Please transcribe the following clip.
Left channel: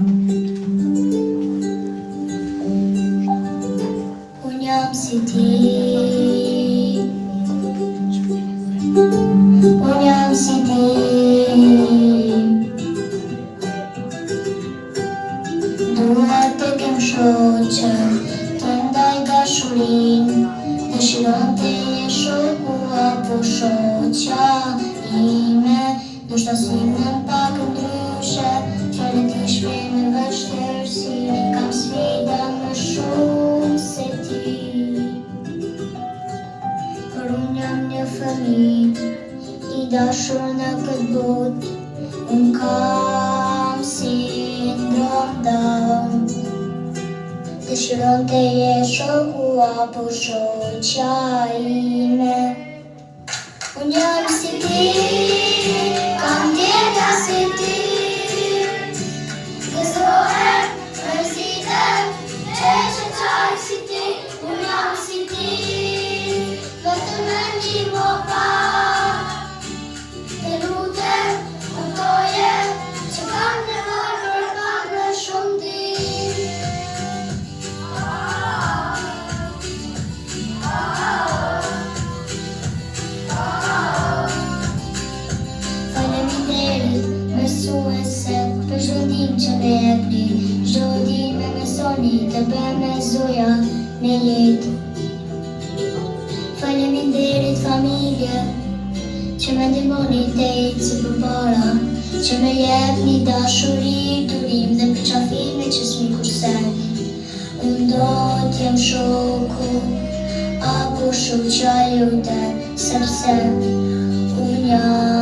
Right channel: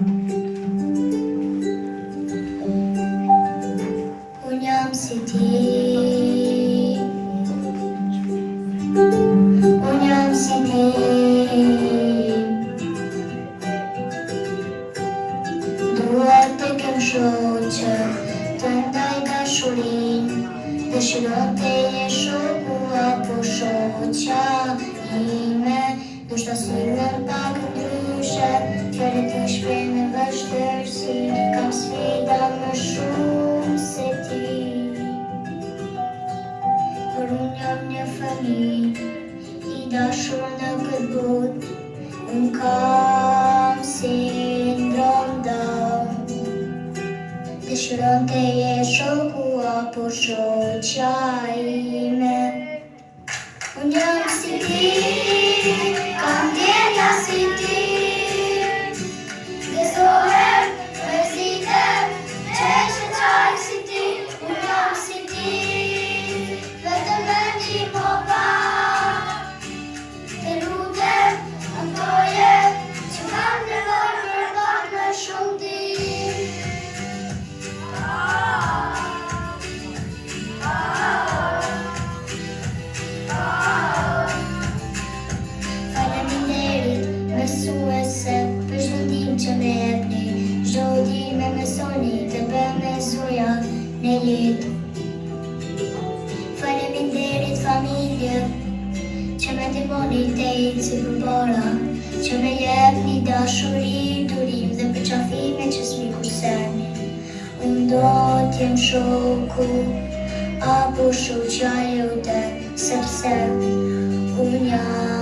Unë jam si ti, unë jam si ti. Duhet të kem shoqe, të ndaj dashurin, dëshiron të je shoku apo shoqja ime. Ndoshta sillen pak ndryshe, fjalët i shprehnë vështirësi, kam sfida më shumë se ti. Por unë jam një fëmijë i dashur në këtë botë, unë kam sindrom Down. Dëshiron të je shoku apo shoqja ime. Unë jam si ti, kam ndjenja si ti. Gëzohem, mërzitem, që qaj si ti. Unë jam si ti, vetëm me ndihmo pak. Të lutem, kuptoje, që kam nevojë për pak më shumë ti. Faleminderit, mësuese, për çdo ndihmë që më jepni, çdo ditë më mësoni të bëhem me zoja në jetë. Faleminderit familje, që më ndihmoni të jetë si përpara, që më jepni dashuri, durim dhe përqafime që s'mi kurseni. Unë do t'jem shoku apo shoqja jote, sepse unë jam